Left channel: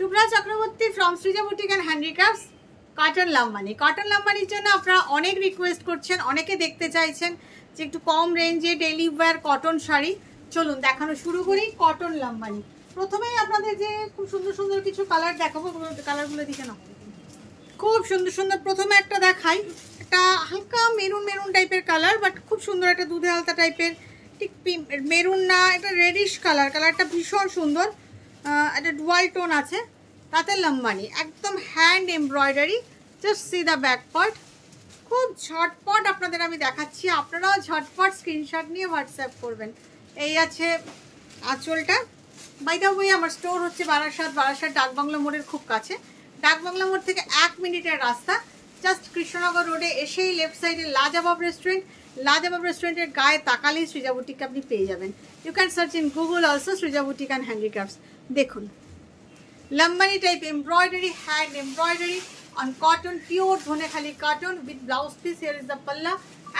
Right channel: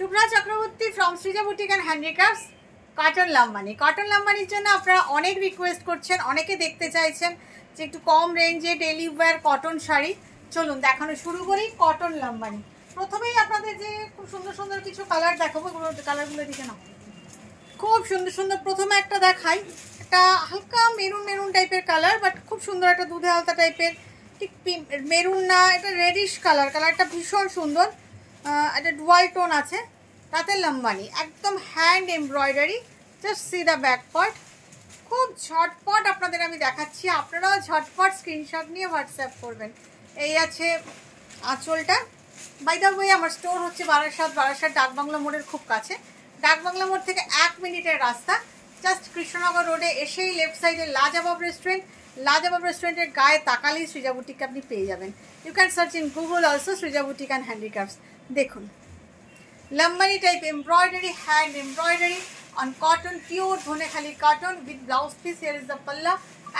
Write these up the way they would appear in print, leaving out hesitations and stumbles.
Shubhra Chakraborty from Srija boutique and handicrafts. Cotton Lambani, cotton লাম্বানির জন্য আপনারা অনেক রিকোয়েস্ট করছেন, অনেকে দেখতে চাইছেন যে একটু কম রেঞ্জে ডেলি ওয়্যার কটন শাড়ি। চলুন দেখানো শুরু করি। কটন লাম্বানি, প্রথমেই আপনাদের যে খুব সুন্দর সুন্দর কিছু কালার দেখাবো, কালারগুলো দিকে না, খুব সুন্দর সুন্দর। প্রথমে একটা দেখাই, একটা হালকা মেরুন মেরুন টাইপের কালার, বাট খুব সুন্দর একটা দুধে হালকা টাইপের, ঠিক মেরুন না, এটা রেডিশ কালার। কালারটা ভীষণ সুন্দর, একটা ডুয়াল টোন আছে। তাতে লাম্বানি, একদম hand embroidery. Just see the back part. খুব ঝটপট আপনাদের আমি দেখাচ্ছি, আপনারাও ঝটপট স্ক্রিনশট নিয়ে হোয়াটসঅ্যাপ করবেন। এই আছে আঁচলটা। বাই দ্য ওয়ে আমার স্টোর হচ্ছে বারাসাত ডাকবাংলা মোড়ের খুব কাছে। ডাকবাংলা মোড় থেকে 1 মিনিটের রাস্তা। জাস্ট কৃষ্ণনগর রোডে এসেই লেফট সাইডে লাজবাব রেস্টুরেন্ট, লাজবাব রেস্টুরেন্টের গায়ে তাকালেই সৃজা বুটিককে আপনি পেয়ে যাবেন। You can search in Google also Srija boutique and handicrafts. দেখুন Lambani type embroidery, hand embroidery on cotton, pure Dhonekhali cotton with blouse piece. Here is the palla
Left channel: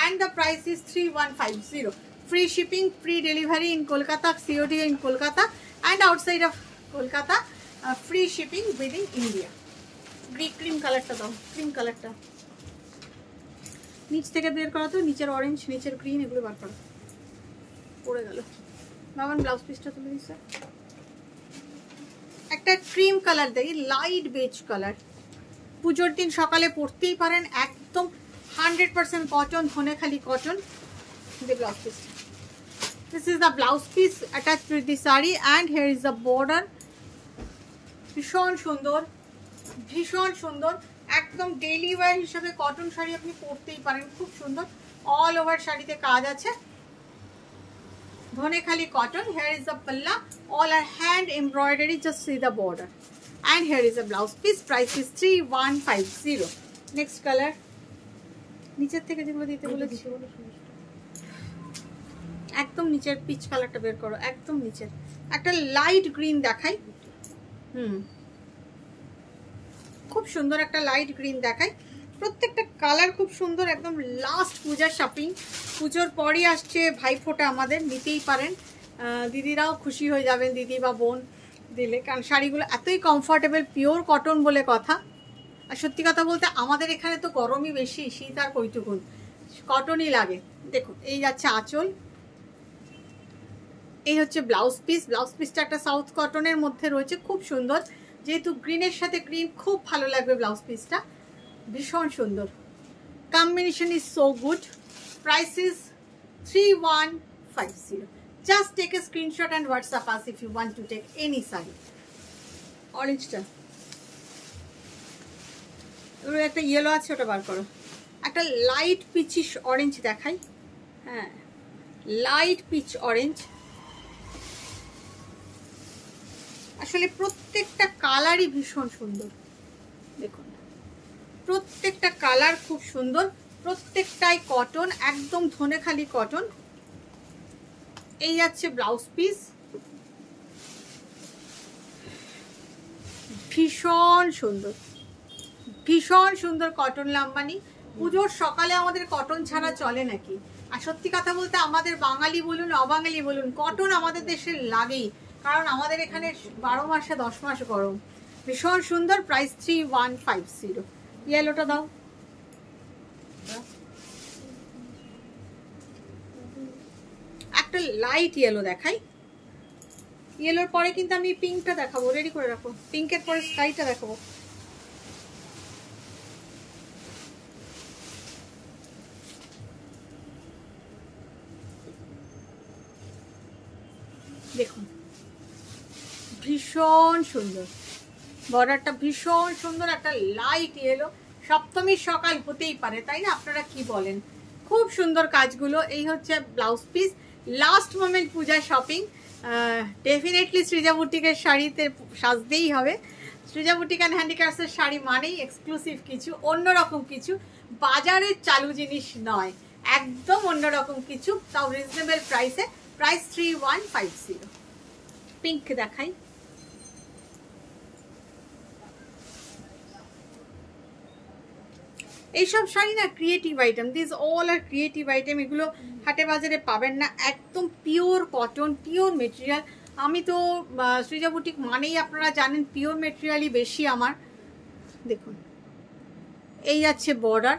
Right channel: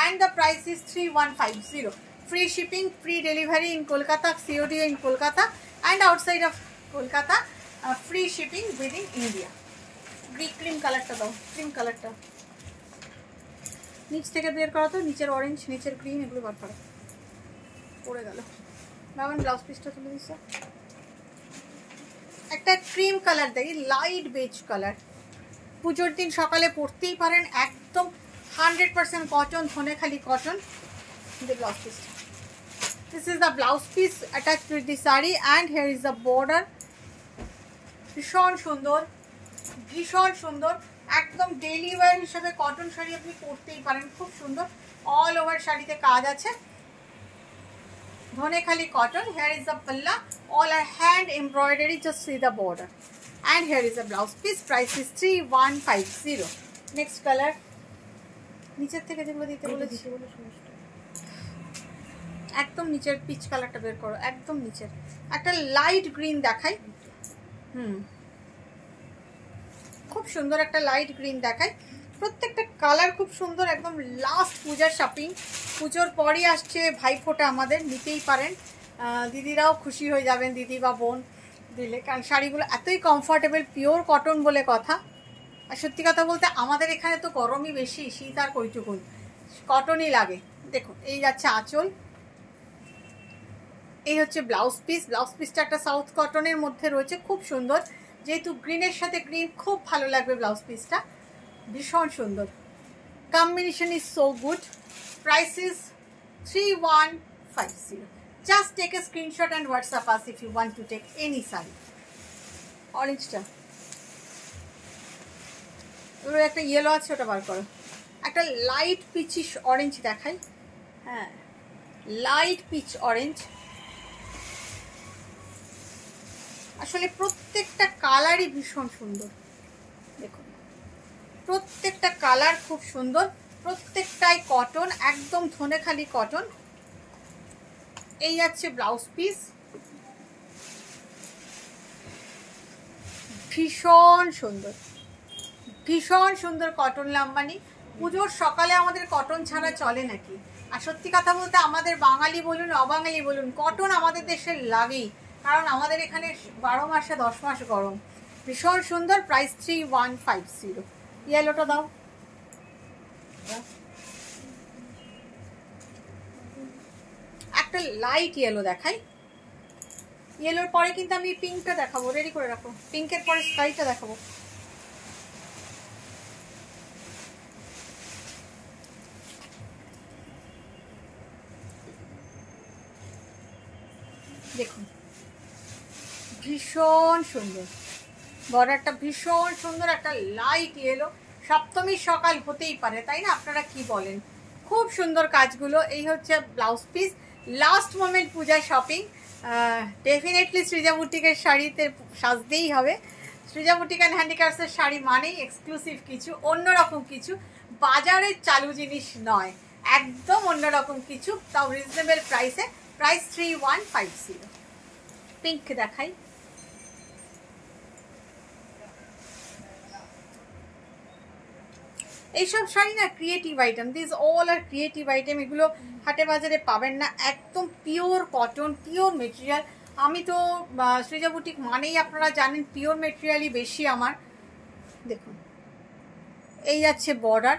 and the price is 3150. Free shipping, free delivery in Kolkata, COD in Kolkata and outside of Kolkata, free shipping within India. Cream color ta dao, cream color ta নিচ থেকে বের করা, তো নিচের orange নিচের green এগুলো বার করা পড়ে গেল। বাবান ব্লাউজ পিসটা তুলে দিচ্ছে, একটা ক্রিম কালার দেই, লাইট বেজ কালার। পুজোর দিন সকালে পরতেই পারেন, একদম 100% cotton, Dhanekhali cotton. Blouse piece, this is the blouse piece attached with the sari and here is the border. ভীষণ সুন্দর, ভীষণ সুন্দর, একদম ডেইলি ওয়্যার হিসাবে কটন শাড়ি আপনি পরতেই পারেন। খুব সুন্দর, অল ওভার শাড়িতে কাজ আছে, Dhanekhali cotton. Here is the পাল্লা, all are hand embroidery, just see the border. And here is a blouse piece, price is 3150. Next color, নিচের থেকে যেগুলো দিতে বলেছি একদম নিচের পিচ কালারটা বের করো, একদম নিচের একটা লাইট গ্রিন দেখাই। খুব সুন্দর একটা লাইট গ্রিন দেখাই। প্রত্যেকটা কালার খুব সুন্দর, একদম লাস্ট পূজার শপিং। পুজোর পরই আসছে ভাইফোঁটা, আমাদের নিতেই পারেন, দিদিরাও খুশি হয়ে যাবেন, দিদি বা বোন দিলে, কারণ শাড়িগুলো এতই কমফর্টেবল, পিওর কটন বলে কথা। আর সত্যি কথা বলতে আমাদের এখানে তো গরমই বেশি, শীত আর কইটুকুন, কটনই লাগে। দেখুন এই যাচ্ছে আঁচল, এই হচ্ছে ব্লাউজ পিস। ব্লাউজ পিসটা একটা সাউথ কটনের মধ্যে রয়েছে, খুব সুন্দর। যেহেতু গ্রিনের সাথে গ্রিন, খুব ভালো লাগবে ব্লাউজ পিসটা, ভীষণ সুন্দর। Combination is so good. Price is 3150. Just take a screenshot and WhatsApp us if you want to take any saree. Orange টা, একটা ইয়েলো আছে, ওটা বার করো। একটা লাইট পিচিশ অরেঞ্জ দেখাই, হ্যাঁ লাইট পিচ অরেঞ্জ। আসলে প্রত্যেকটা কালারই ভীষণ সুন্দর, দেখুন প্রত্যেকটা কালার খুব সুন্দর, প্রত্যেকটাই কটন, একদম ধনেখালি কটন। এই যাচ্ছে ব্লাউজ পিস, ভীষণ সুন্দর, ভীষণ সুন্দর কটন লাম্বানি। পুজোর সকালে আমাদের কটন ছাড়া চলে নাকি? আর সত্যি কথা বলতে আমাদের বাঙালি বলুন অবাঙালি বলুন, কটন আমাদের দেশের লাগেই, কারণ আমাদের এখানে 12 মাসে 10 মাস গরম। ভীষণ সুন্দর, প্রাইস 3150। ইয়েলোটা দাও, একটা লাইট ইয়েলো দেখাই। ইয়েলোর পরে কিন্তু আমি পিঙ্কটা দেখাবো, রেডি করে রাখো। পিঙ্কের পরে স্কাইটা দেখাবো। দেখুন ভীষণ সুন্দর, বর্ডারটা ভীষণ সুন্দর, একটা লাইট ইয়েলো। সপ্তমীর সকাল হতেই পারে, তাই না? আপনারা কি বলেন? খুব সুন্দর কাজগুলো। এই হচ্ছে ব্লাউজ পিস। লাস্ট মোমেন্ট পূজা শপিং, ডেফিনেটলি সৃজা বুটিকের শাড়িতে সাজতেই হবে। সৃজা বুটিক অ্যান্ড হ্যান্ডিক্রাফটসের শাড়ি মানেই এক্সক্লুসিভ কিছু, অন্যরকম কিছু, বাজারের চালু জিনিস নয়, একদম অন্যরকম কিছু, তাও রিজনেবল প্রাইসে। প্রাইস 3150। পিঙ্ক দেখাই, এইসব শাড়ি না creative item, this all are creative item. এগুলো হাটে বাজারে পাবেন না, একদম পিওর কটন, পিওর মেটেরিয়াল। আমি তো সৃজা বুটিক মানেই আপনারা জানেন পিওর মেটেরিয়ালই বেশি আমার। দেখুন এই যাচ্ছে বর্ডার,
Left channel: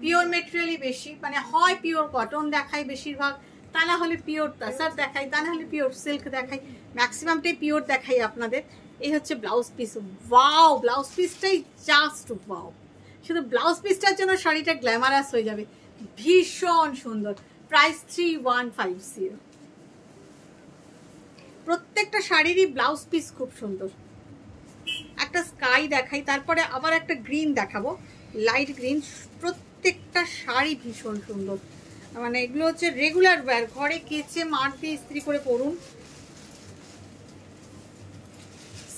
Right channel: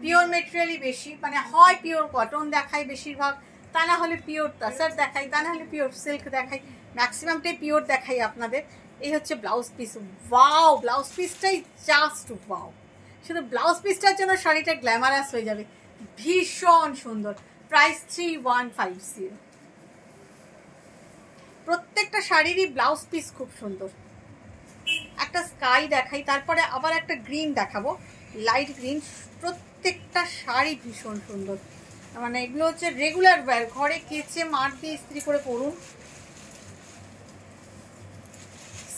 পিওর মেটেরিয়ালই বেশি, মানে হয় পিওর কটন দেখাই বেশিরভাগ, তা না হলে পিওর টাসার দেখাই, তা না হলে পিওর সিল্ক দেখাই, ম্যাক্সিমামটাই পিওর দেখাই আপনাদের। এই হচ্ছে ব্লাউজ পিস। ওয়াও, ব্লাউজ পিসটাই জাস্ট ওয়াও। শুধু ব্লাউজ পিসটার জন্য শাড়িটা গ্ল্যামারাস হয়ে যাবে, ভীষণ সুন্দর। প্রাইস 3150। প্রত্যেকটা শাড়িরই ব্লাউজ পিস খুব সুন্দর। একটা স্কাই দেখাই, তারপরে আবার একটা গ্রিন দেখাবো, লাইট গ্রিন। প্রত্যেকটা শাড়ি ভীষণ সুন্দর, মানে এগুলো হচ্ছে রেগুলার ওয়্যার, ঘরে কেচে মার দিয়ে ইস্ত্রি করে পরুন।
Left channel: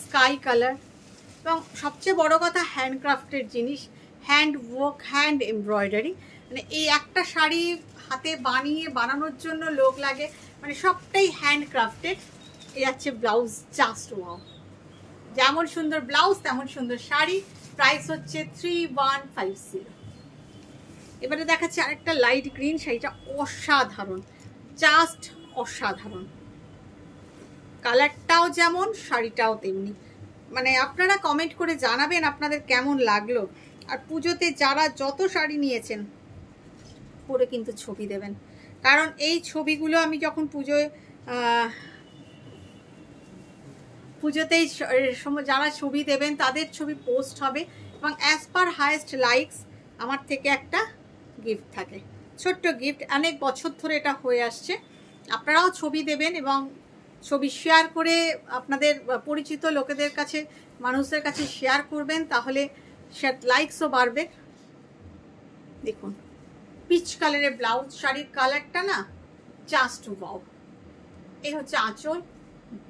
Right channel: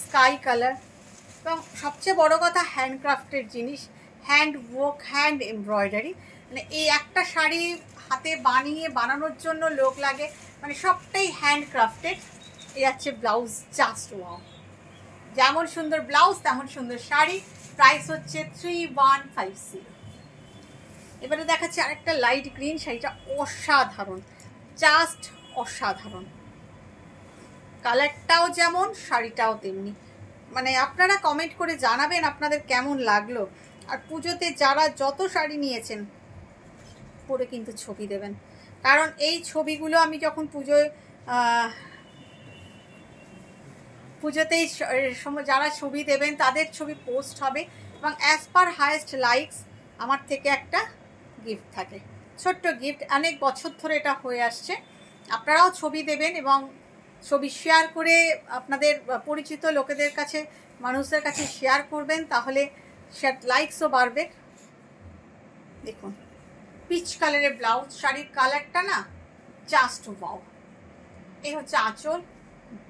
স্কাই কালার, এবং সবচেয়ে বড় কথা হ্যান্ডক্রাফটের জিনিস, হ্যান্ড ওয়ার্ক, হ্যান্ড এমব্রয়ডারি। মানে এই একটা শাড়ি হাতে বানানোর জন্য লোক লাগে, মানে সবটাই হ্যান্ডক্রাফটেড। এই যাচ্ছে ব্লাউজ, জাস্ট ওয়াও। যেমন সুন্দর ব্লাউজ তেমন সুন্দর শাড়ি। প্রাইস হচ্ছে 3150। এবারে দেখাচ্ছি আরেকটা লাইট গ্রিন, শাড়িটা অসাধারণ, জাস্ট অসাধারণ। কালারটাও যেমন, শাড়িটাও তেমনি। মানে আপনারা কমেন্ট করে জানাবেন আপনাদের কেমন লাগলো। আর পুজোতে যারা যত শাড়ি নিয়েছেন পরে কিন্তু ছবি দেবেন, কারণ এই ছবিগুলো আমি যখন পুজোতেই যারা ছবি দেবেন তাদের ছবি পোস্ট হবে, এবং অ্যাজ পার হায়েস্ট লাইকস আমার থেকে একটা গিফট থাকে, ছোট্ট গিফট। অনেক বছর ধরে এটা হয়ে আসছে। আপনারাও ছবি দেবেন এবং ছবি শেয়ার করে আপনাদের পরিচিত লোকেদের কাছে, মানুষদের কাছে শেয়ার করবেন, তাহলে লাইকসও বাড়বে। দেখুন পিচ কালারের ব্লাউজ, শাড়ির কালারটা না জাস্ট ওয়াও। এই হচ্ছে আঁচল,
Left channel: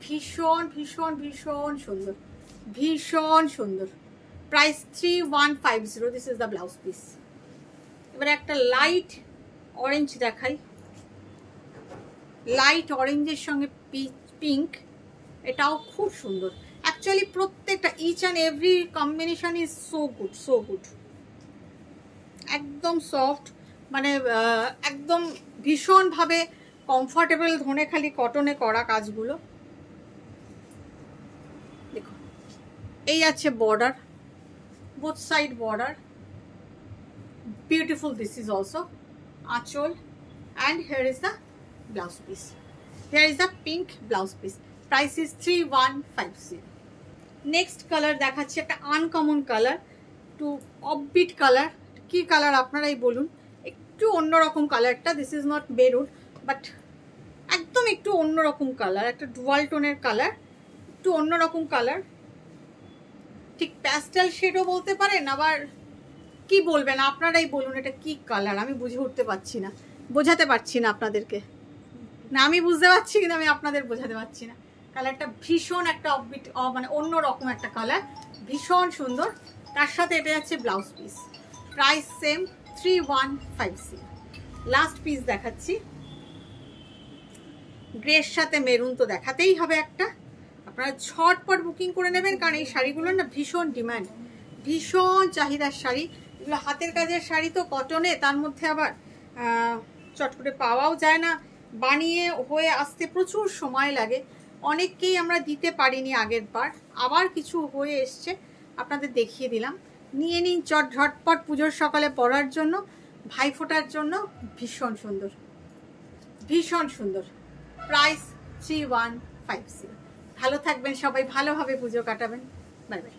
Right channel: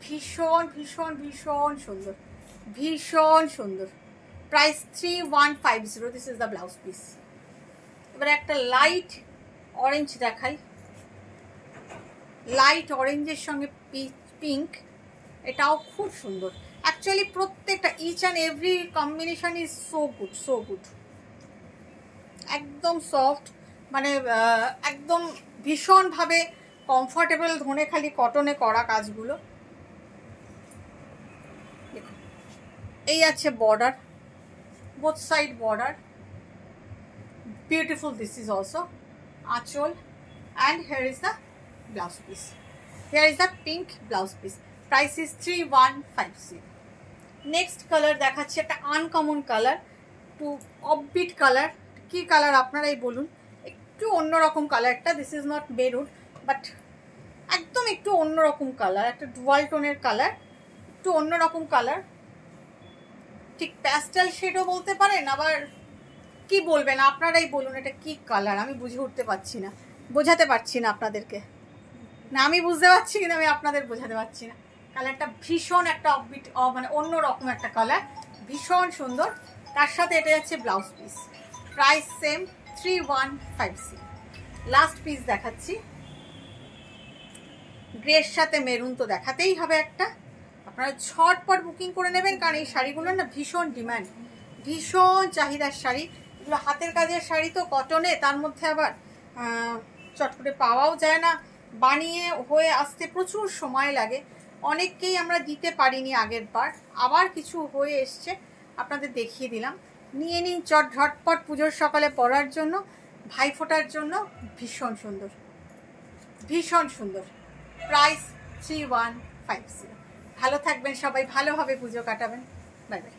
ভীষণ ভীষণ ভীষণ সুন্দর, ভীষণ সুন্দর। Price 3150। This is the blouse piece. এবারে একটা লাইট অরেঞ্জ দেখাই, লাইট অরেঞ্জের সঙ্গে পিঙ্ক, এটাও খুব সুন্দর। অ্যাকচুয়ালি প্রত্যেকটা each and every combination is so good, so good. একদম সফট, মানে একদম ভীষণভাবে কমফর্টেবল, ধনেখালি কটনে করা কাজগুলো। দেখুন এই আছে border, both side border, beautiful. This is also anchal, and here is the blouse piece. Here is the pink blouse piece. Price is 3150। Next colour দেখাচ্ছি, একটা আনকমন কালার, একটু অফবিট কালার। কি কালার আপনারাই বলুন, একটু অন্যরকম কালারটা। This is not maroon, but একদম একটু অন্যরকম কালার, একটা ডুয়াল টোনের কালার, একটু অন্যরকম কালার। ঠিক প্যাস্টেল শেডও বলতে পারেন, আবার কি বলবেন আপনারাই বলুন এটা কি কালার। আমি বুঝে উঠতে পারছি না, বোঝাতে পারছি না আপনাদেরকে। না আমি বুঝতে পারছি কিন্তু আমি আপনাদের বোঝাতে পারছি না। কালারটা ভীষণ একটা অফবিট, মানে অন্যরকম একটা কালার, ভীষণ সুন্দর। তার সাথে এটা যাচ্ছে blouse piece. Price same 3150। Last piece দেখাচ্ছি, গ্রের সাথে মেরুন তো দেখাতেই হবে একটা। আপনারা ঝটপট বুকিং করে নেবেন, কারণ এই শাড়িগুলো না ভীষণ ডিমান্ড, ভীষণ চাহিদার শাড়ি। এগুলো হাতের কাজের শাড়ি তো, কটনে, তার মধ্যে আবার চট করে পাওয়াও যায় না, বানিয়ে হয়ে আসতে প্রচুর সময় লাগে। অনেককেই আমরা দিতে পারিনি আগের বার, আবার কিছু হয়ে এসছে, আপনাদের দেখিয়ে দিলাম। নিয়ে নিন ঝটপট পুজোর সকালে পরার জন্য, ভাইফোঁটার জন্য। ভীষণ সুন্দর, ভীষণ সুন্দর। প্রাইস 3150। ভালো থাকবেন সবাই, ভালোভাবে পুজো কাটাবেন। Bye bye.